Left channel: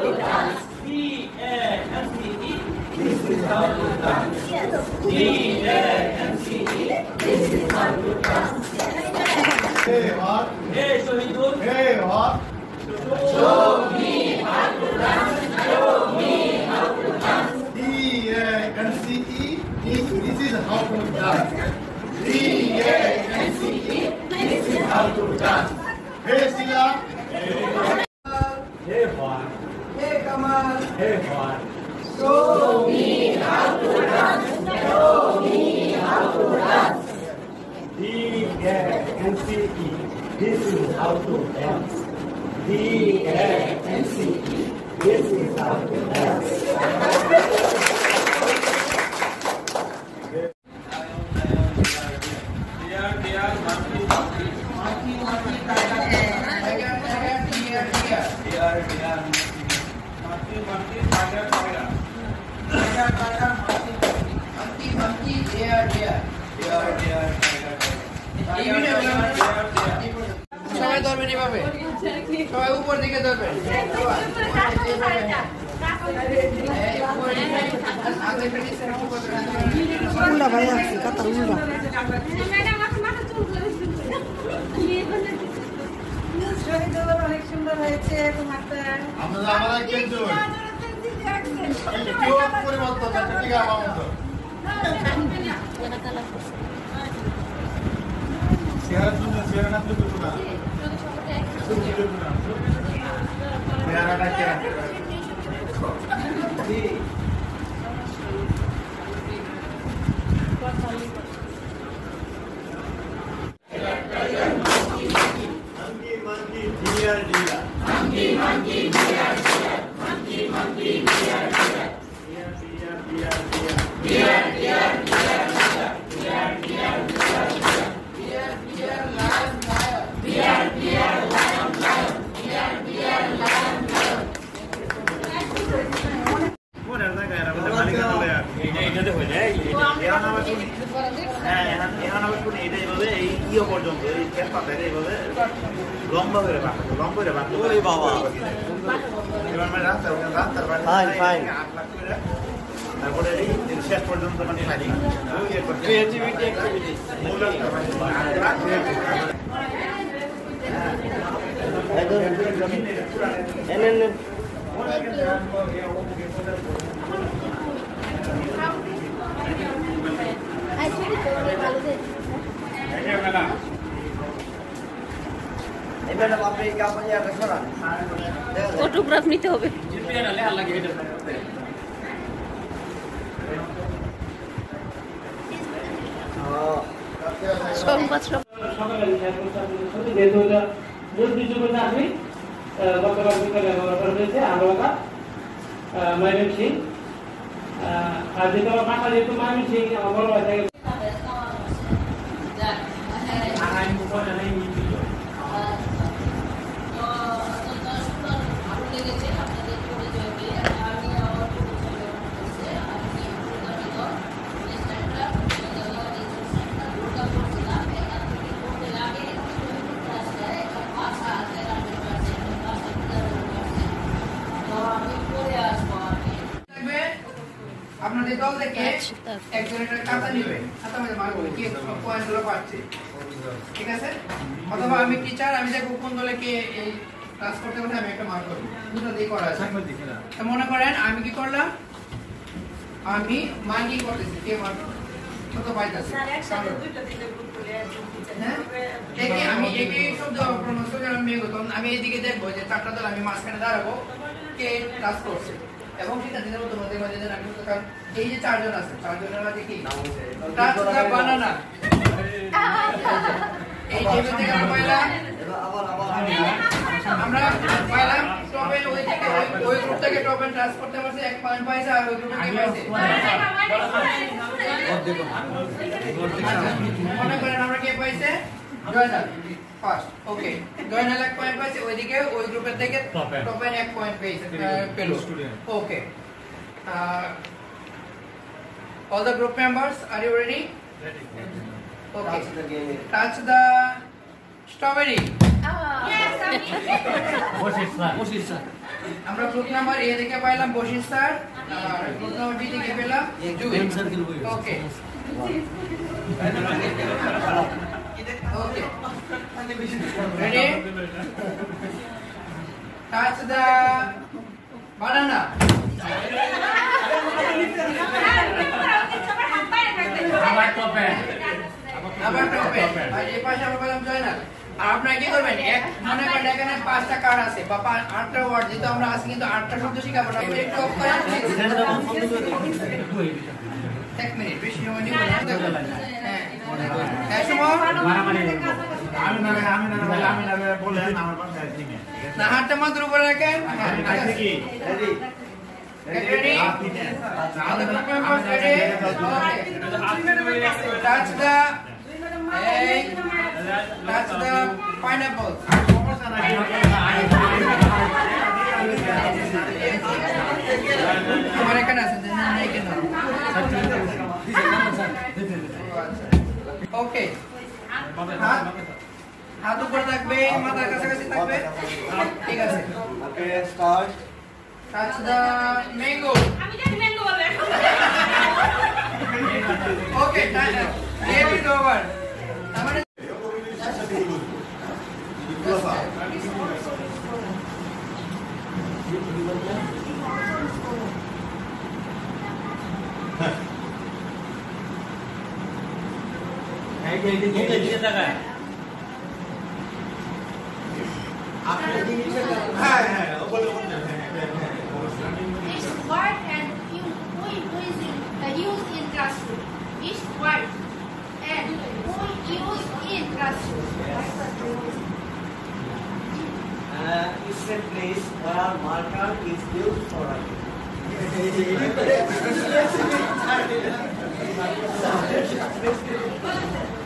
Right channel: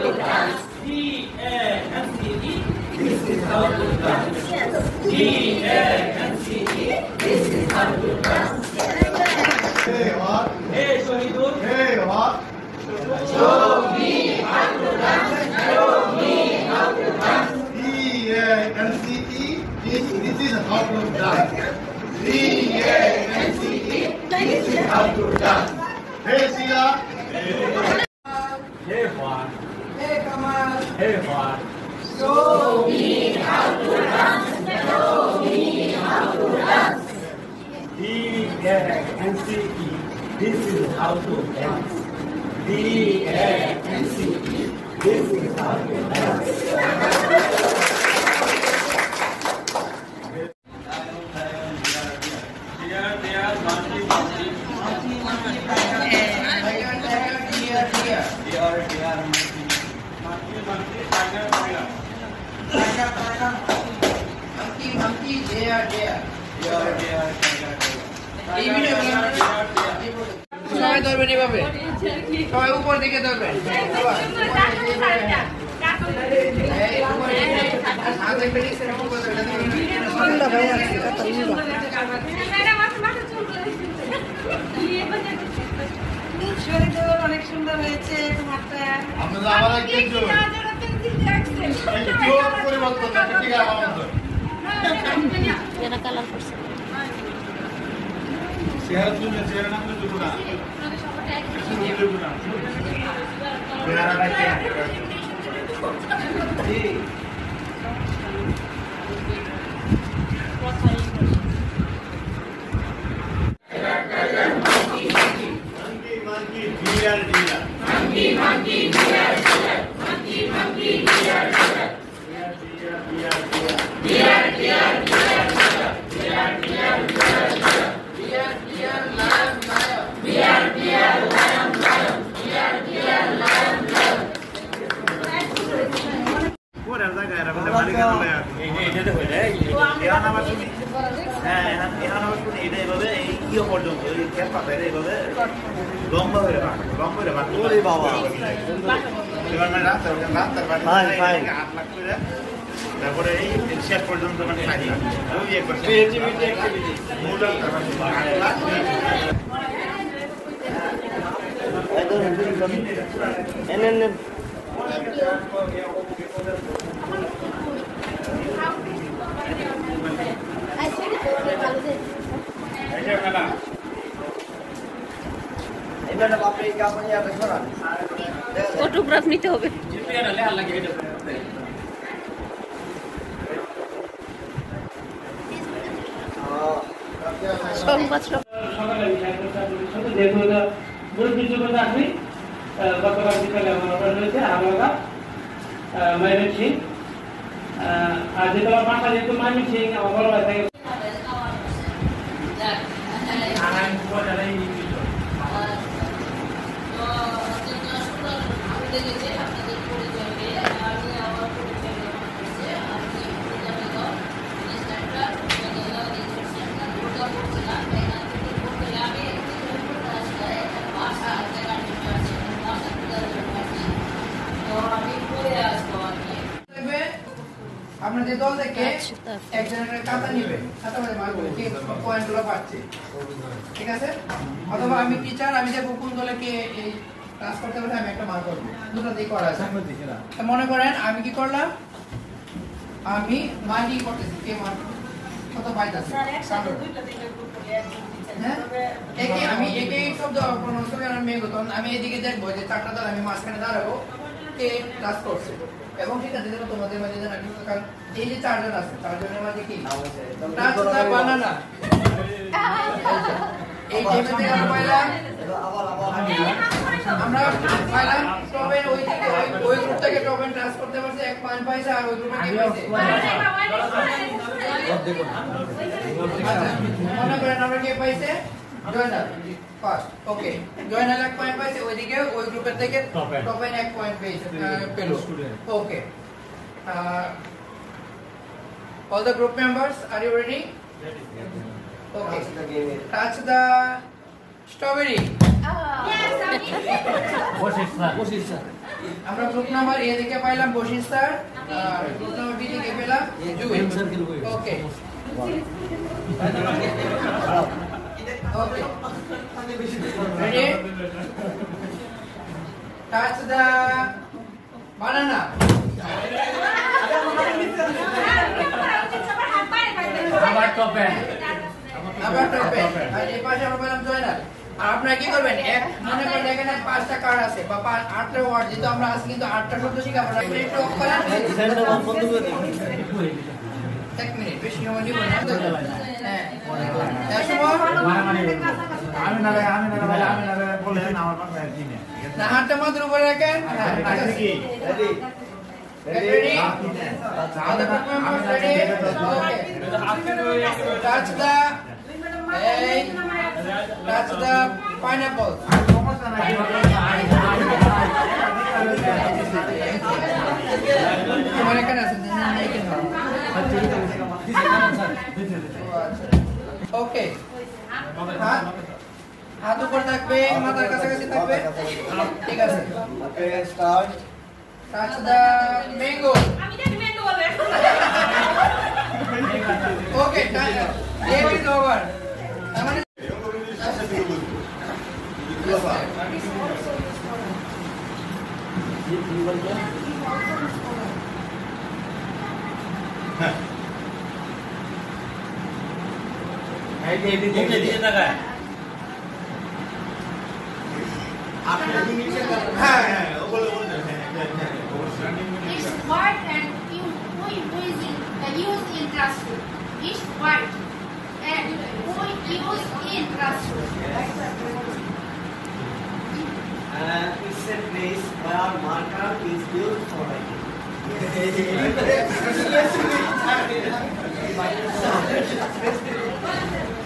to dance. D-A-N-C-E. This is how to dance. D-A-N-C-E. This is how to dance. Hey, what? Hey, Shahidul. Hey, what? Show me how to dance. Show me how to dance. D-A-N-C-E. This is how to dance. D-A-N-C-E. This is how to dance. Hey, Sila. Hey, what? Hey, Kamal. Hey, what? Show me how to dance. Show me how to dance. D-A-N-C-E. This is how to dance. D-A-N-C-E. This is how to dance. সবাই ধরবেন এভাবে, সবাই উপর দিকে ধরবেন। অনেক সুন্দর হয়েছে। পরিবর্তন ঠিক আমার মতো চেহারা তুলতে চেহারা না তুলতে না চেহারাটা কে ফটোগ্রাফ নিতে হবে। সংবাদ আর যেটা মাথা যেহেতু মাইন সিং আমার বড় ভাই আপনাদের দল থেকে একজনের খাতা নিবে, খাতা মধ্যে মার্ক করবে কে পয়েন্টগুলো পাচ্ছে, ঠিক আছে? অথবা আমি টিচার, আমি দেখবো কোন দলে কে এই ক্লাস করতে পারে, আমি একটা মার্ক করবো। দুটো দিয়ে করা আছে। মনে করেন আমি কি করলাম, আমি মার্কিং করতেছি কে মার্ক কত পাইতেছে। আমি একে শব্দ আমি এদিকে দেখবো যে চারটা দল আমি মাঝখানে দাঁড়াবো কে ক্লাস করছে, এবং ঠিক আছে তোমাদের মাঝে এই যে চারজন আছে, চারজনের মাঝে কি বানানা এই যে আমরা পাইলাম টপেন, ওই গ্রুপ থেকে টপেন ট্রান্স করতে পারছে, এক পয়েন্ট পাইছে, আর ওই গ্রুপে কি পাইছে মনে করেন আমরা কে পাইছে জয়নাল ফার্স্ট, ওকে জয়নাল 1 পয়েন্ট পাইছে, ওইদিকে ওই গ্রুপের থেকে টপেন 1 পয়েন্ট পেয়েছে পেল, ওকে। All the group members, are you ready? Ready. Okay. Touch the strawberry. আমরা গ্রুপ নাম্বার এ থেকে পাইলাম বশির স্যার আর গ্রুপ নাম্বার বি থেকে পেলাম ওকে ওকে ready touch the banana আবার টপে আর এই পাশে আমরা পেলাম জয়নাল আর আপনারা কি করবেন এক মনে করেন এখানে 5টা কার্ড আছে বা 8টা ওয়ার্ড যেহেতু আমরা আজকে কিন্তু 8টা শব্দ শিখাবো না একটু অফ করেন এক মিনিট বেশি সময় নিব না হ্যাঁ হ্যাঁ সময় আমি না বলেছেন আমার পাশে দিনে না হাতটা মাথার উপরে রাখেন আছে কি ready touch the pineapple আমার এখানে আছে না এখানে ওকে হাত উপরে থাকবে মাথার কাছাকাছি থাকবে ঠিক আছে okay start touch the mango আমি জানি ম্যাঙ্গো বলবে okay game is over আমাদের It's white and used in classroom. It's white and used in classroom. It's a place where marker is used for writing.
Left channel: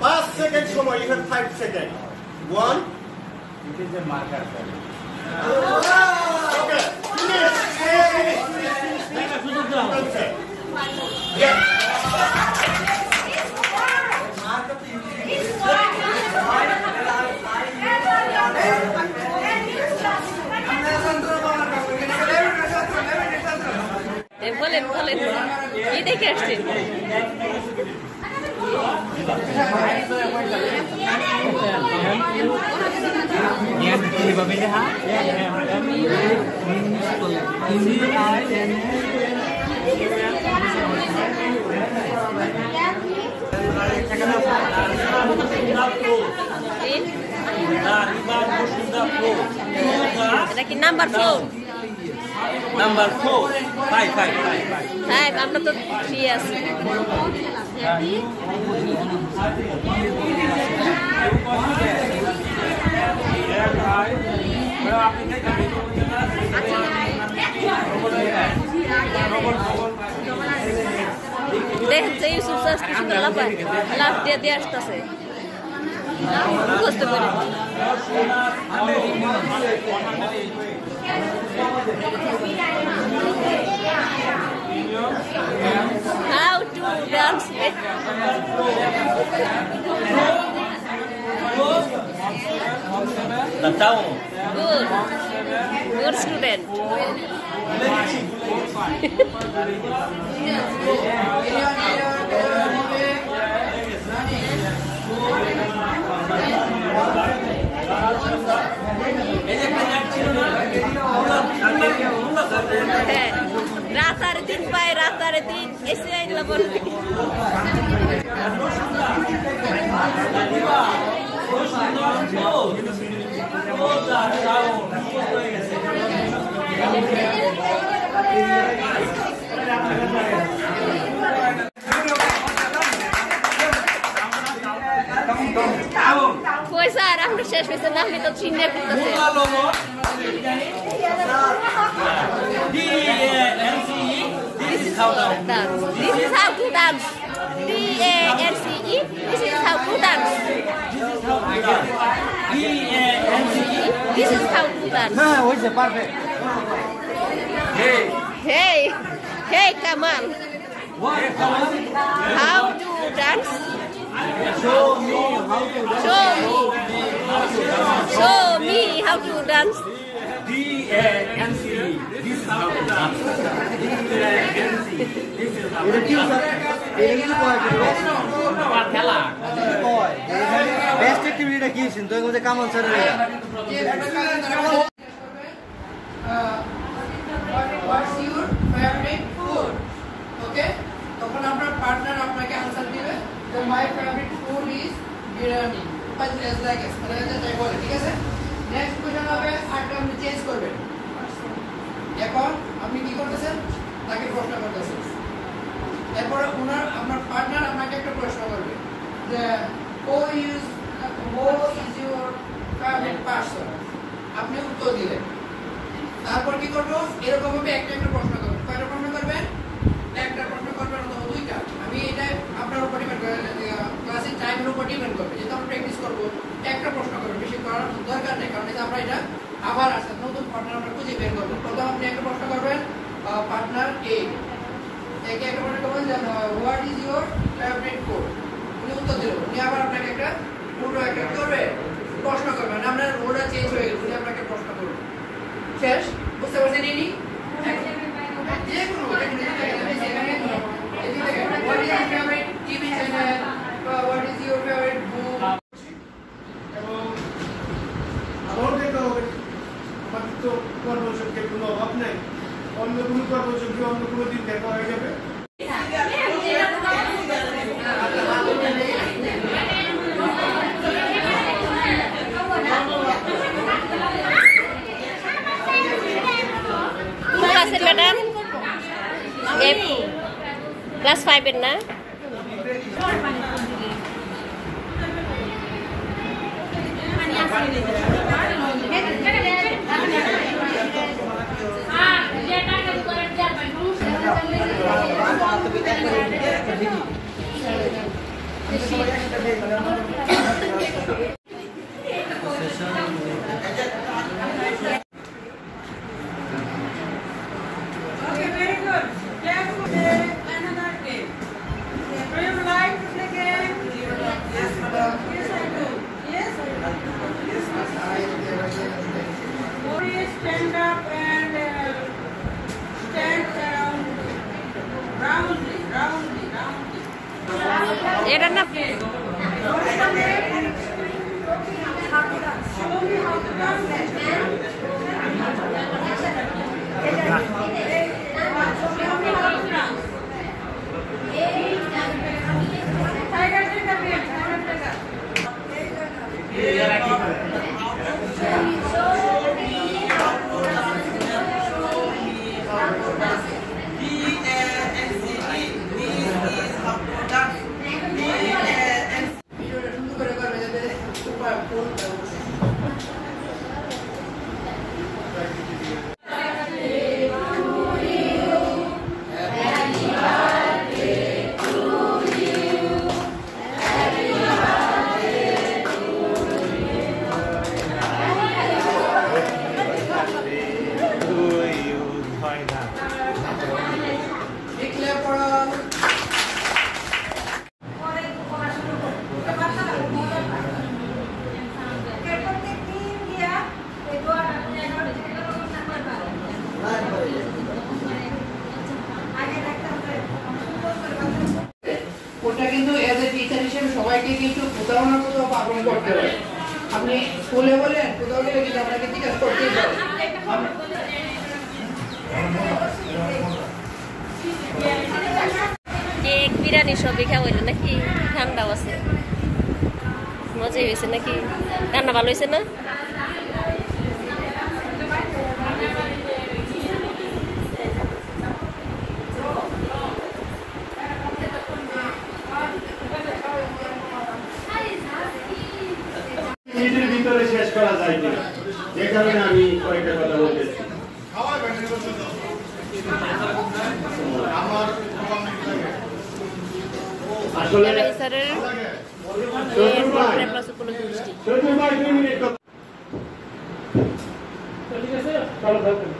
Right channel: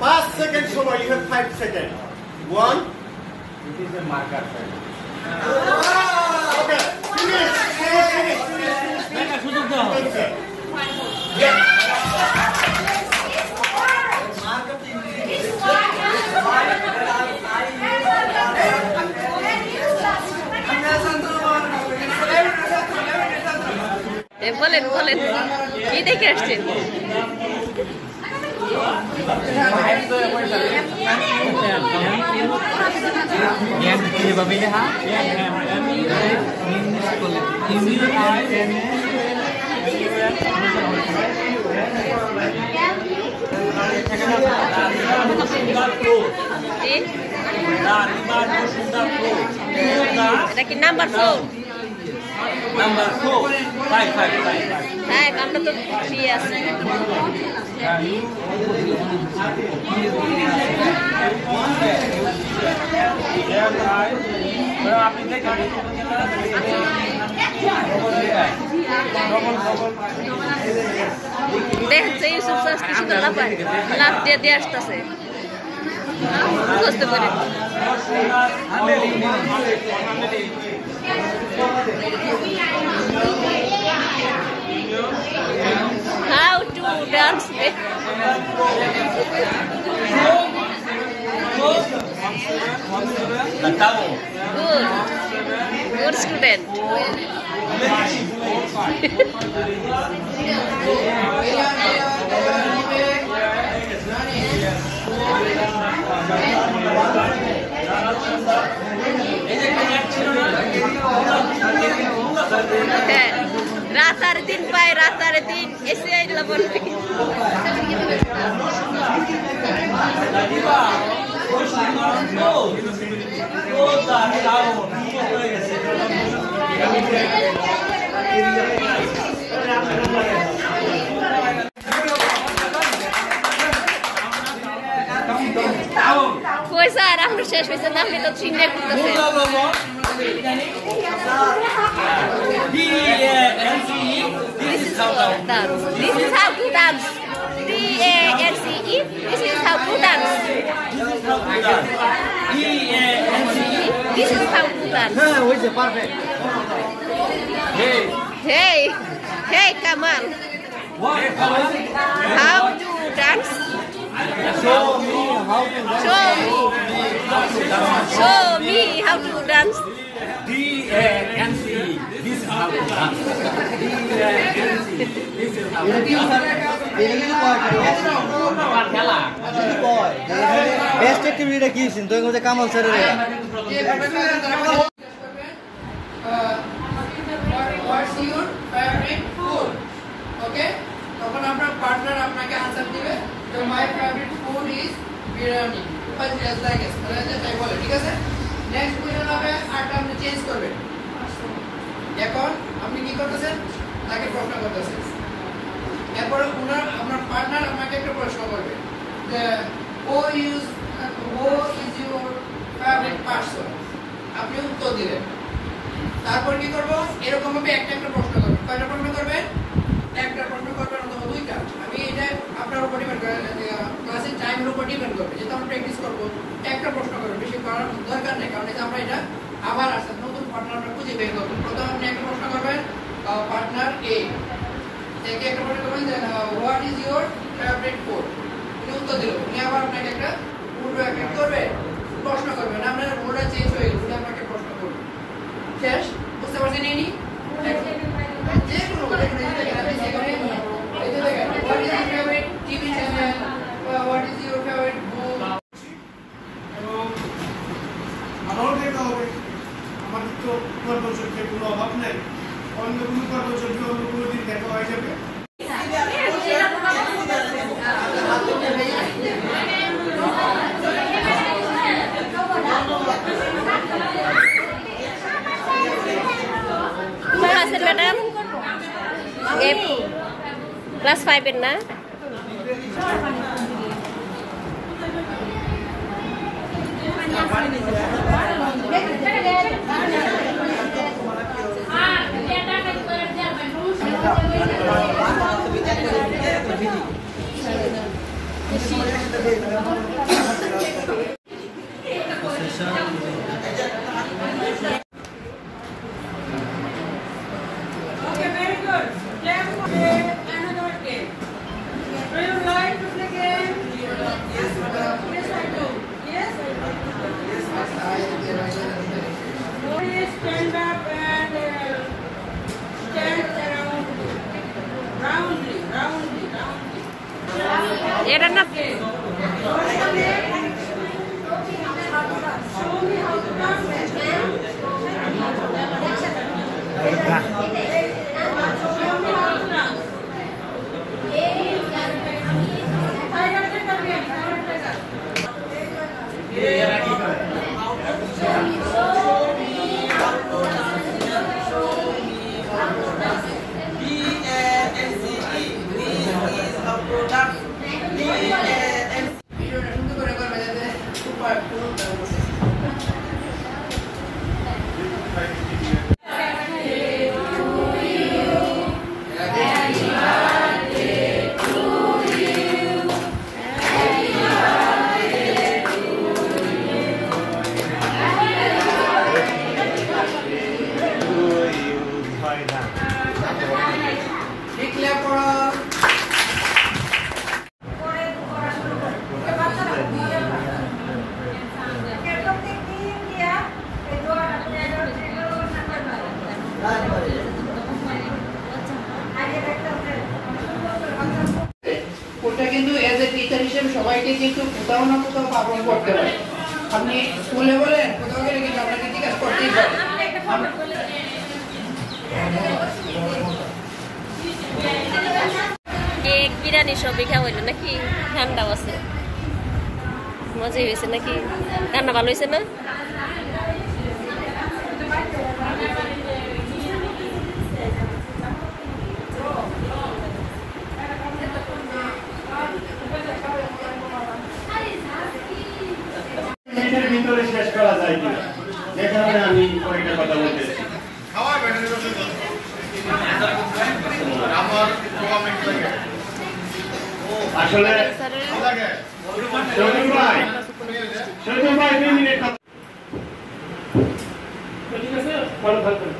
5 seconds সময় you have 5 seconds 1 it is a marker okay finish বলেন বলেন কি দেখে আসছেন এটা কি number 4 Number 4, 5. হ্যাঁ আমরা তো 3 আছি দেখছে ইউসুফ স্যার কি সুন্দর লাফায় লাফ দিয়ে আসতেছে বুঝতে পারে How to dance with The town. good student হ্যাঁ রাস্তার 3 পায় রাস্তার 3 এসে আইলা বলবি কই স্যার আমরা শেষ হয়েছে না আপনি তো চিন্তা করতেছেন D-A-N-C-E, this is how to dance. This is how to dance. D-A-N-C-E, this is how to dance. D-A-N-C-E, This is how to dance. hey, Hey, Kamal. what? How to dance? Show me how to Show me. how Show me how to dance. D-A-N-C-E. This is how to dance. D-A-N-C-E. This is how to dance. Best activity কি ছিল তোর মধ্যে কাম আছে রে What's your favorite food? Okay? তখন আপনার partner আপনাকে answer দিবে যে my favorite food is biryani. Bus just like this তাহলে তাই বলে ঠিক আছে নেক্সট কোশ্চেন হবে আরেকটা আপনি চেঞ্জ করবেন এখন আপনি কি করতেছেন তাকে প্রশ্ন করতেছেন এরপরে আপনার পার্টনার আপনাকে একটা প্রশ্ন করবে যে who is your favorite person আপনি উত্তর দিলেন তারপর কি করব এরকম ভাবে একটা প্রশ্ন করব কয়টা প্রশ্ন করবেন একটা প্রশ্ন করবেন অথবা দুইটা আমি এটা আপনার উপর ডিপেন্ড করে ক্লাসের টাইমের উপর ডিপেন্ড করবে যেটা আমরা প্র্যাকটিস করব একটা প্রশ্ন করব বেশি করার দরকার নেই কারণ এটা আমরা এটা আবার আসলে নতুন পার্টনার আমরা খুঁজে বের করব প্রথমে আপনি একটা প্রশ্ন করবেন পার্টনার এ থেকে একটা প্রশ্ন করবেন যে what is your favourite food উনি উত্তর দিল উনি আবার আপনাকে একটা পুরো একটা করবে প্রশ্ন করবেন আমরা ওটা চেঞ্জ হয়ে গেল উনি আপনাকে প্রশ্ন করবে শেষ বুঝতে পারছেন ইনি যে কোনো what is your favorite TV channel what is your favorite book এবং আমারও দেখা হবে আমাদের তো কর্মযোগ্যের কোনো অভাব নাই অন্য কোনো কর্মযোগ্য অন্য কোনো দিন দেখা হয়ে যাবে Class madam? Class 5 na? Okay, very good. Let's play another game. Do you like to play game? Yes, madam. Yes, I do. Yes, I do. Yes, please stand up and stand roundly. Era na Show me how to dance. ভিডিওটা সুন্দর করে করবে যাতে super ফুল দেখলে পড়ো ওটা কিন্তু as a teacher হিসেবে সবাইকে কিন্তু কোথাও না কোথাও পালন করতে হবে আপনি স্কুলে বলেন কোথাও গেলে কিন্তু আপনাকে জিজ্ঞাসা করতেই পারে কেক বিরিয়ানি সবই খাওয়া হইলো নাকি ঠান্ডাও আছে মজাই হয়েছে নাকি রান্না ভালো হয়েছে না ভিতরে শেষ করা যায় কিনা যে কারণে আমি কয়েকটা কথা বলতেছি আসলে ঠিক আছে ভালো থাকবেন